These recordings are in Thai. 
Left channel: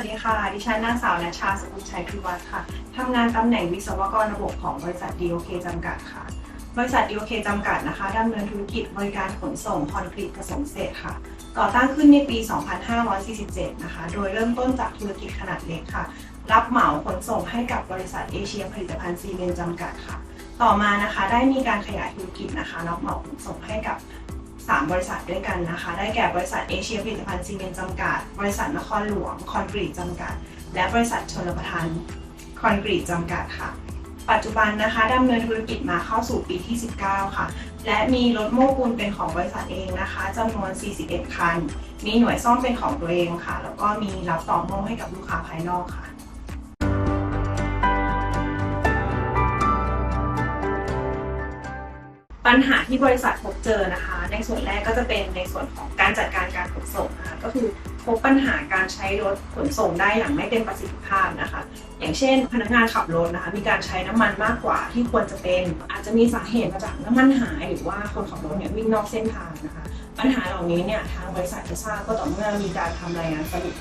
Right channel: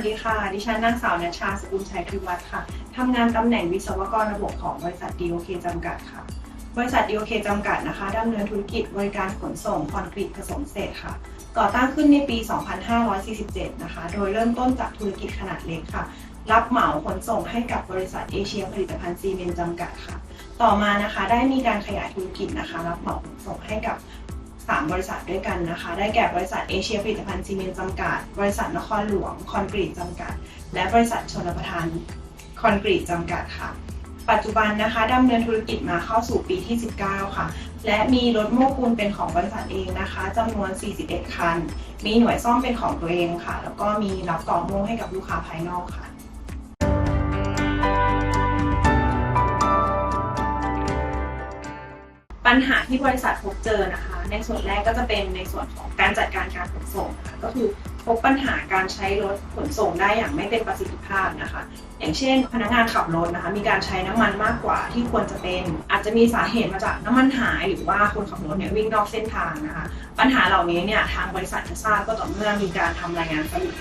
วัสดีค่ะ ดิฉันนางสาวนัชชาสกุลชัยพิวัฒน์ค่ะ ทำงานตำแหน่งวิศวกรระบบของบริษัท DOK จำกัดค่ะ บริษัท DOK จำกัดนะคะดำเนินธุรกิจบริการขนส่งคอนกรีตผสมเศษค่ะ ก่อตั้งขึ้นในปี 2547 นะคะ โดยเริ่มต้นจากธุรกิจขนาดเล็กค่ะ รับเหมาขนส่งให้กับบริษัทเอเชียผลิตภัณฑ์ซีเมนต์จำกัดค่ะ ต่อมานะคะได้มีการขยายธุรกิจนะคะ รับเหมาขนส่งให้กับ 3 บริษัทด้วยกันนะคะ ได้แก่บริษัทเอเชียผลิตภัณฑ์ซีเมนต์จำกัด บริษัทนครหลวงคอนกรีตจำกัด และบริษัทชลประทานคอนกรีตจำกัดค่ะปัจจุบันนะคะดำเนินธุรกิจมาเข้าสู่ปีที่ 19 ค่ะ และมีรถโม้ปูนเป็นของบริษัทเองนะคะจำนวน 41 คัน มีหน่วยซ่อมเป็นของตัวเองค่ะ แล้วก็มีรับต่อโม้ให้กับลูกค้าภายนอกค่ะ ปัญหาที่บริษัทพบเจอนะคะ ในส่วนแรกก็จะเป็นในส่วนของการจัดการการขนส่งนะคะก็คือพบปัญหาการใช้รถขนส่งได้อย่างไม่เต็มประสิทธิภาพนะคะ อย่างเช่น พนักงานขับรถนะคะ มีการใช้น้ำมันมากกว่าที่ควรจะเป็น อาจจะมีสาเหตุมาจากน้ำมันหาย หรือว่าคนขับรถเนี่ยวิ่งนอกเส้นทางนะคะ ปัญหาเหล่านี้เนี่ยทางบริษัทจะทราบก็ต่อเมื่อมีการทำรายงานสรุป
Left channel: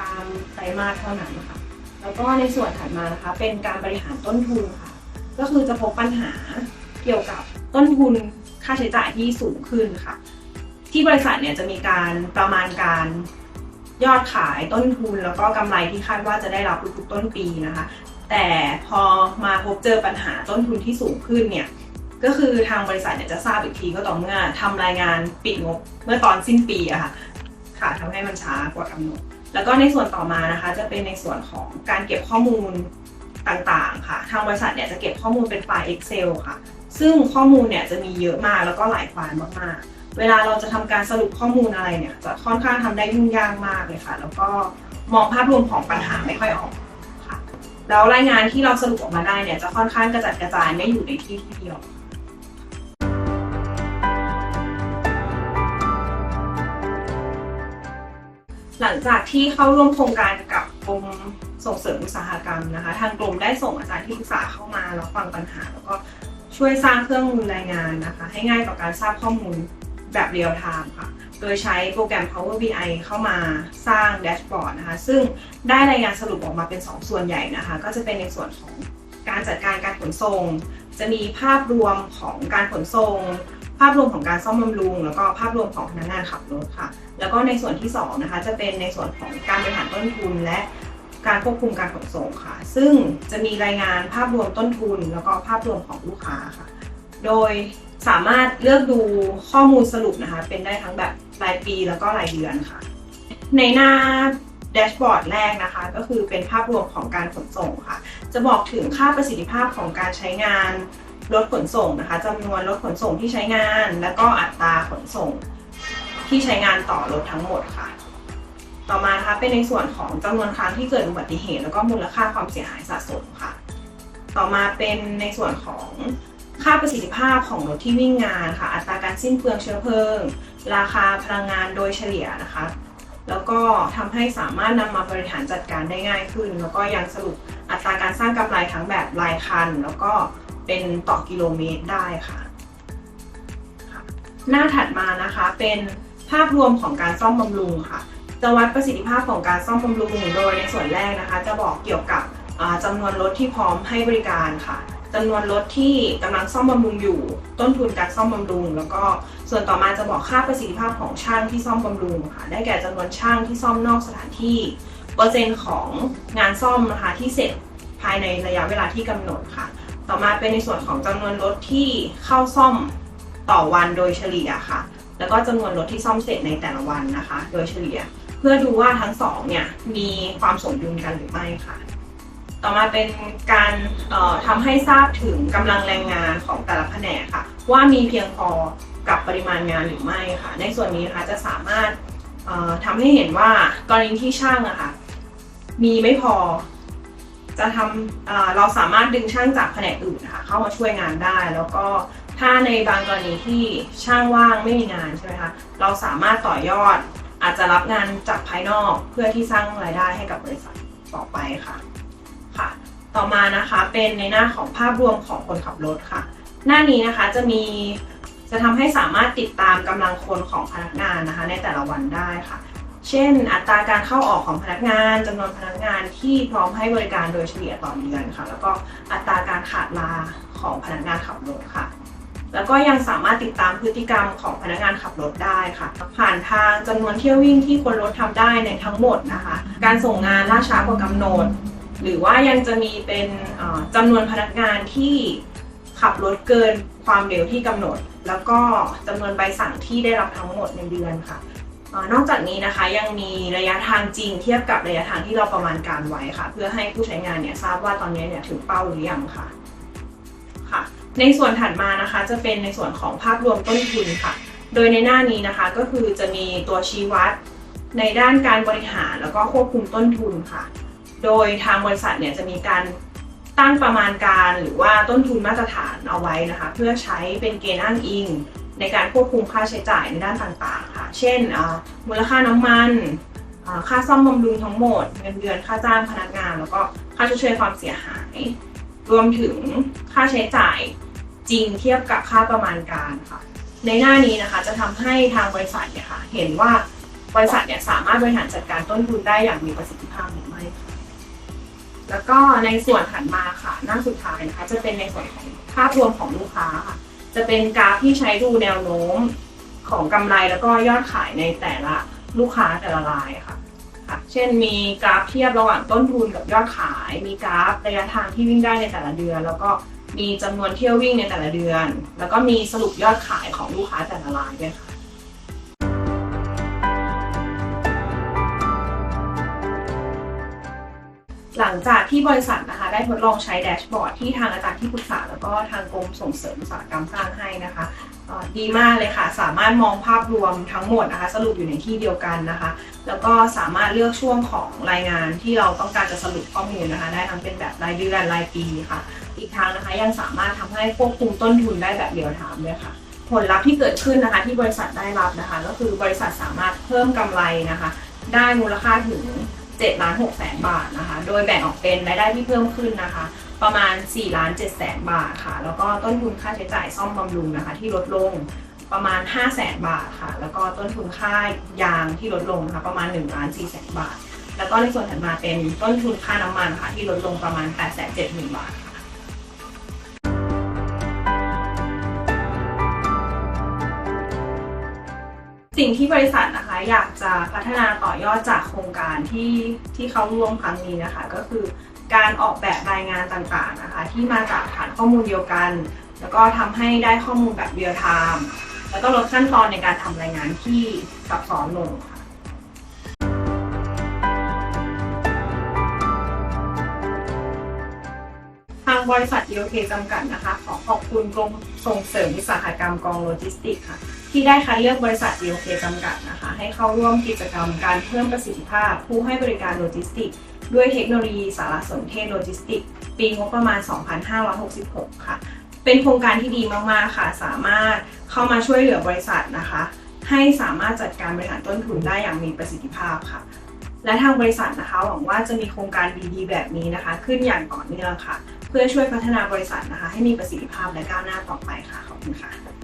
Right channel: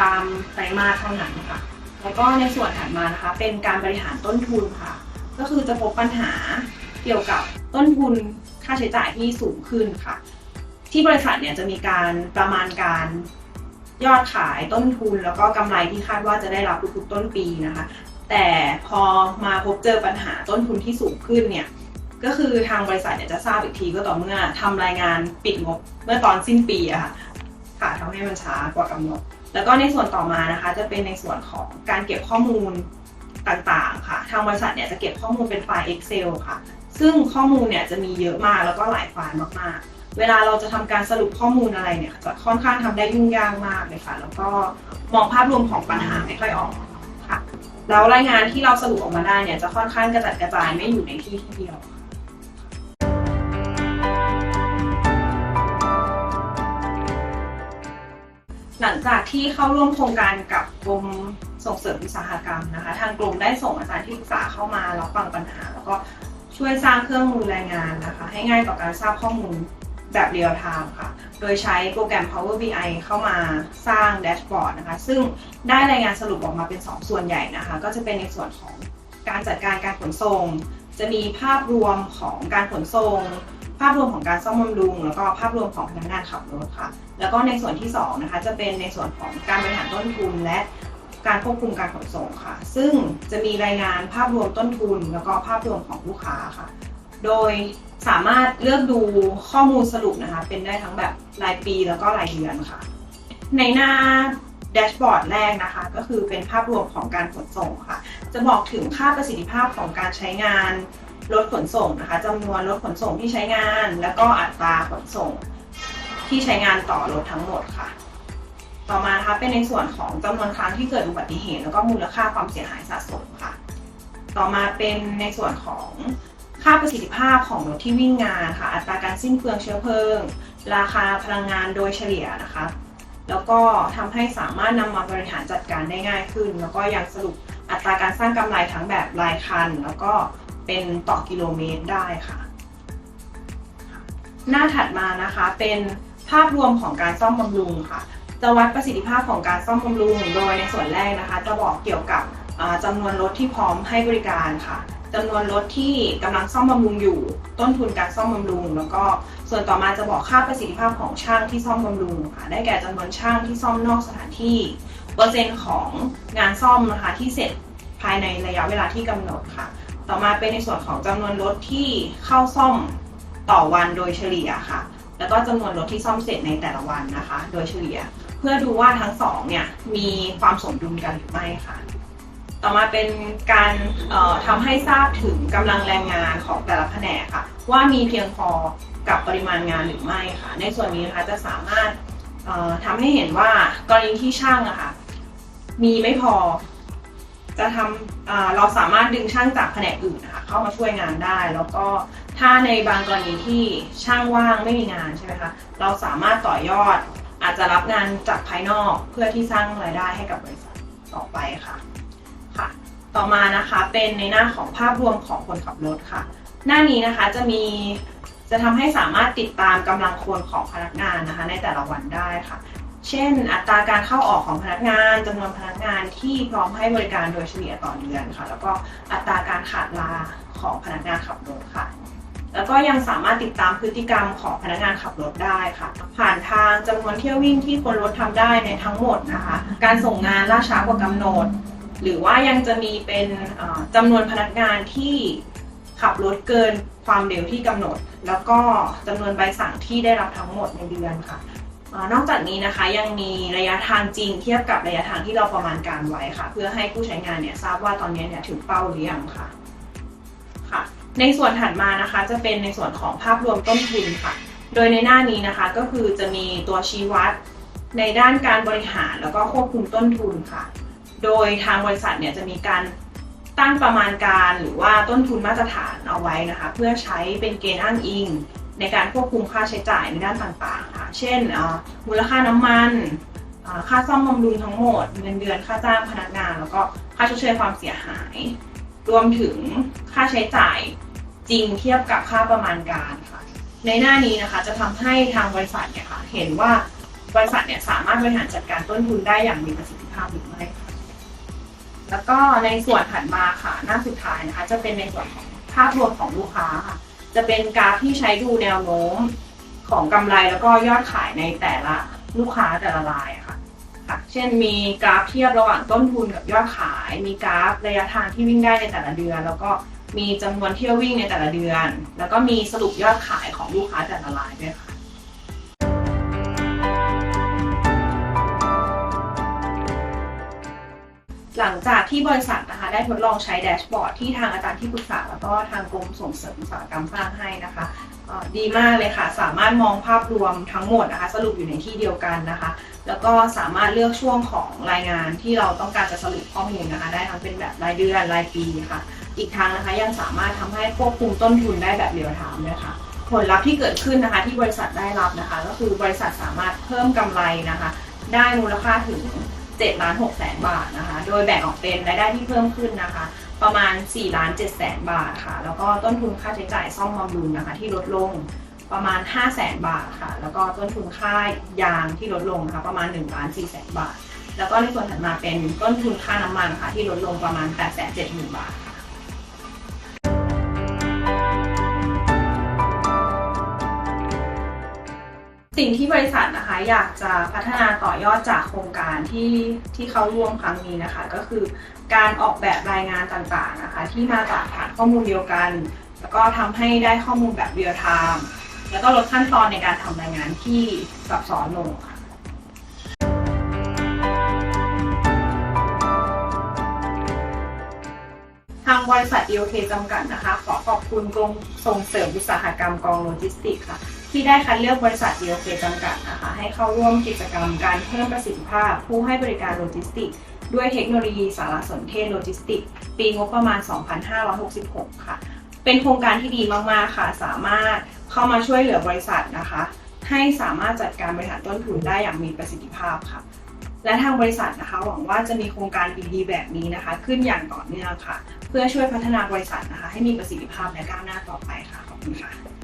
ตามไตรมาสเท่านั้นค่ะแล้วก็ในส่วนถัดมานะคะเป็นการบริหารต้นทุนค่ะ ก็คือจะพบปัญหาเกี่ยวกับ ต้นทุนค่าใช้จ่ายที่สูงขึ้นค่ะ ที่บริษัทเนี่ยจะมีการประมาณการยอดขายต้นทุนแล้วก็กำไรที่คาดว่าจะได้รับทุกๆต้นปีนะคะ แต่พอมาพบเจอปัญหาต้นทุนที่สูงขึ้นเนี่ยก็คือทางบริษัทเนี่ยจะทราบอีกทีก็ต่อเมื่อทำรายงานปิดงบเมื่อตอนสิ้นปีอะค่ะค่ะทำให้มันช้ากว่ากำหนด แล้วก็ในส่วนต่อมานะคะ จะเป็นในส่วนของการเก็บข้อมูล ต่างๆ ค่ะ ทางบริษัทเนี่ยจะเก็บข้อมูลเป็นไฟล์ Excel ค่ะ ซึ่งข้อมูลเนี่ยจะมีเยอะมากแล้วก็หลายไฟล์มากๆ เวลาเราจะทำการสรุปข้อมูลอะไรเนี่ยจะค่อนข้างทำได้ยุ่งยากมากเลยค่ะ แล้วก็มองภาพรวมของปัญหาไม่ค่อยออกค่ะ แล้วรายงานที่เราสรุปออกมาได้เนี่ยจะค่อนข้างกระจัดกระจายไม่อยู่ในที่ที่เดียวหลังจากที่เข้าร่วมโครงการกับกรม ส่งเสริมอุตสาหกรรมนะคะ ทางกรมได้ส่งอาจารย์ที่ปรึกษาเข้ามารับฟังปัญหา แล้วก็ช่วยสร้างเครื่องมือรายงานนะคะ ให้ง่ายต่อการทราบข้อมูลแบบเรียลไทม์ค่ะ โดยใช้โปรแกรม Power BI เข้ามาสร้างแดชบอร์ดนะคะ ซึ่งได้รายงานสรุปออกมาเป็น 2 ส่วนใหญ่นะคะ ก็จะเป็นในส่วนของการจัดการการขนส่ง จะมีภาพรวมของการขนส่ง ภาพรวมของการซ่อมบำรุง แล้วก็ภาพรวมของพนักงานขับรถค่ะ แล้วก็ในส่วนที่2นะคะ จะเป็นในส่วนของการบริหารต้นทุนและ การควบคุมการขนส่งค่ะ ซึ่งจะมีรายงานภาพรวมต้นทุน แล้วก็ภาพรวมของลูกค้าค่ะ โดยสามารถเลือกดูข้อมูลสรุปนะคะ เป็นได้ทั้งแบบรายปีแล้วก็รายเดือนค่ะ ในหน้าแดชบอร์ดแรกนะคะ ก็คือเป็นภาพรวมของการขนส่งค่ะ จะบอกถึงค่าประสิทธิภาพของการใช้งานรถขนส่งนะคะจำนวนรถขนส่งที่ใช้งาน แล้วก็อัตราขนส่งที่ใช้งานต่อรถทั้งหมดค่ะ ต่อมานะคะเป็นในส่วนของจำนวนครั้งที่เกิดอุบัติเหตุ แล้วก็มูลค่าความเสียหายสะสมค่ะ ต่อมาเป็นในส่วนของค่าประสิทธิภาพของรถที่วิ่งงานค่ะ อัตราการสิ้นเปลืองเชื้อเพลิง ราคาพลังงานโดยเฉลี่ยนะคะ แล้วก็ทำให้สามารถนำมาบริหารจัดการได้ง่ายขึ้น แล้วก็ยังสรุปอัตราการสร้างกำไรทั้งแบบรายคัน แล้วก็เป็นต่อกิโลเมตรได้ค่ะค่ะ หน้าถัดมานะคะเป็นภาพรวมของการซ่อมบำรุงค่ะ จะวัดประสิทธิภาพของการซ่อมบำรุง โดยในส่วนแรกนะคะ จะบอกเกี่ยวกับจำานวนรถที่พร้อมให้บริการค่ะจำนวนรถที่กำลังซ่อมบำรุงอยู่ ต้นทุนการซ่อมบำรุง แล้วก็ส่วนต่อมาจะบอกค่าประสิทธิภาพของช่างที่ซ่อมบำรุงค่ะ ได้แก่จำนวนช่างที่ซ่อมนอกสถานที่ เปอร์เซ็นต์ของงานซ่อมนะคะที่เสร็จภายในระยะเวลาที่กำหนดค่ะ ต่อมาเป็นในส่วนของจำนวนรถที่เข้าซ่อมต่อวันโดยเฉลี่ยค่ะ แล้วก็จำนวนรถที่ซ่อมเสร็จในแต่ละวันนะคะ โดยเฉลี่ย เพื่อดูว่าทั้งสองเนี่ยมีความสมดุลกันหรือไม่ค่ะ ต่อมาเป็นการทำให้ทราบถึงกำลังแรงงานของแต่ละแผนกค่ะ ว่ามีเพียงพอกับปริมาณงานหรือไม่ค่ะ ในส่วนนี้นะคะจะสามารถทำให้เห็นว่ากรณีที่ช่างอะค่ะมีไม่พอจะทำเเราสามารถดึงช่างจากแผนกอื่นนะคะเข้ามาช่วยงานได้ แล้วก็ถ้าในบางกรณีที่ช่างว่างไม่มีงานใช่ไหมคะเราสามารถต่อยอด อาจจะรับงานจากภายนอกเพื่อที่สร้างรายได้ให้กับบริษัทต่อไปค่ะค่ะ ต่อมานะคะเป็นในหน้าของภาพรวมของคนขับรถค่ะ หน้านี้นะคะจะมีจะทำให้สามารถติดตามกำลังคนของพนักงานนะคะ ในแต่ละวันได้ค่ะ เช่น อัตราการเข้าออกของพนักงานจำนวนพนักงานที่พร้อมให้บริการโดยเฉลี่ยต่อเดือนค่ะ แล้วก็อัตราการขาดลาของพนักงานขับรถค่ะ แล้วก็ยังสามารถติดตามพฤติกรรมของพนักงานขับรถได้ค่ะ ผ่านทางจำนวนเที่ยววิ่งที่คนรถทำได้ในทั้งหมดนะคะ การส่งงานล่าช้ากว่ากำหนด หรือว่ายังจะมีเป็นเอ่อจำนวนพนักงานที่ขับรถเกินความเร็วที่กำหนด แล้วก็จำนวนใบสั่งที่ได้รับทั้งหมดในเดือนค่ะนอกจากนี้นะคะยังมีระยะทางจริงเทียบกับระยะทางที่เราประมาณการไว้ค่ะ เพื่อให้ผู้ใช้งานเนี่ยทราบว่าตอนนี้เนี่ยถึงเป้าหรือยังค่ะ ในส่วนถัดมานะคะ จะเป็นในส่วนของภาพรวมต้นทุนค่ะ โดยในหน้านี้นะคะก็คือจะมีตัวชี้วัด ในด้านการบริหารแล้วก็ควบคุมต้นทุนค่ะ โดยทางบริษัทเนี่ยจะมีการตั้งประมาณการหรือว่าต้นทุนมาตรฐานเอาไว้นะคะ เพื่อใช้เป็นเกณฑ์อ้างอิง ในการควบคุมค่าใช้จ่ายในด้านต่างๆค่ะ เช่นมูลค่าน้ำมันค่าซ่อมบำรุงทั้งหมดเงินเดือนค่าจ้างพนักงาน แล้วก็ค่าชดเชยความเสียหาย รวมถึงค่าใช้จ่ายจริงเทียบกับค่าประมาณการค่ะ ในหน้านี้นะคะจะทำให้ทางบริษัทเนี่ยค่ะเห็นว่าบริษัทเนี่ยสามารถบริหารจัดการต้นทุนได้อย่างมีประสิทธิภาพหรือไม่ แล้วก็ในส่วนถัดมาค่ะ หน้าสุดท้ายนะคะ จะเป็นในส่วนของภาพรวมของลูกค้าค่ะ จะเป็นกราฟที่ใช้ดูแนวโน้มของกำไรแล้วก็ยอดขายในแต่ละลูกค้าแต่ละรายค่ะ ค่ะ เช่นมีกราฟเทียบระหว่างต้นทุนกับยอดขาย มีกราฟระยะทางที่วิ่งได้ในแต่ละเดือน แล้วก็มีจำนวนเที่ยววิ่งในแต่ละเดือน แล้วก็มีสรุปยอดขายของลูกค้าแต่ละรายด้วยค่ะหลังจากที่บริษัทนะคะได้ทดลองใช้แดชบอร์ดที่ทางอาจารย์ที่ปรึกษา แล้วก็ทางกรมส่งเสริมอุตสาหกรรมสร้างให้นะคะ ดีมากเลยค่ะ สามารถมองภาพรวมทั้งหมดนะคะ สรุปอยู่ในที่เดียวกันนะคะ แล้วก็สามารถเลือกช่วงของรายงานที่เราต้องการจะสรุปข้อมูลนะคะ ได้ทั้งเป็นแบบรายเดือนรายปีค่ะ อีกทางนะคะยังสามารถทำให้ควบคุมต้นทุนได้แบบเรียลไทม์ด้วยค่ะ ผลลัพธ์ที่เกิดขึ้นนะคะที่บริษัทได้รับนะคะ ก็คือบริษัทสามารถเพิ่มกำไรนะคะ ได้มูลค่าถึง7ล้าน6แสนบาทนะคะ โดยแบ่งออกเป็นรายได้ที่เพิ่มขึ้นนะคะ ประมาณ4ล้าน7แสนบาทค่ะ แล้วก็ต้นทุนค่าใช้จ่ายซ่อมบำรุงนะคะ ที่ลดลงประมาณ5แสนบาทค่ะ แล้วก็ต้นทุนค่ายางที่ลดลงนะคะประมาณ1ล้าน4แสนบาท แล้วก็ในส่วนถัดมาเป็นต้นทุนค่าน้ำมันค่ะที่ลดลงประมาณ8 7 0 0 0 0บาทค่ะ สิ่งที่บริษัทนะคะอยากจะพัฒนาต่อยอดจากโครงการที่ที่เขาร่วมครั้งนี้นะคะ ก็คือการออกแบบรายงานต่างๆนะคะ ที่มาจากฐานข้อมูลเดียวกัน แล้วก็ทำให้ได้ข้อมูลแบบเรียลไทม์แล้วก็ลดขั้นตอนในการทำรายงานที่ซับซ้อนลงค่ะทางบริษัท EOK จำกัดนะคะ ขอขอบคุณกรมส่งเสริมอุตสาหกรรมกองโลจิสติกส์ค่ะ ที่ได้คัดเลือกบริษัท EOK จำกัดนะคะให้เข้าร่วมกิจกรรมการเพิ่มประสิทธิภาพ ผู้ให้บริการโลจิสติกส์ด้วยเทคโนโลยีสารสนเทศโลจิสติกส์ปีงบประมาณ 2566 ค่ะ เป็นโครงการที่ดีมาก ๆ ค่ะ สามารถเข้ามาช่วยเหลือบริษัทนะคะ ให้สามารถจัดการบริหารต้นทุนได้อย่างมีประสิทธิภาพค่ะ และทางบริษัทนะคะ หวังว่าจะมีโครงการดีๆ แบบนี้นะคะ ขึ้นอย่างต่อเนื่องค่ะ เพื่อช่วยพัฒนาบริษัทนะคะ ให้มีประสิทธิภาพและก้าวหน้าต่อไปค่ะขอบคุณค่ะ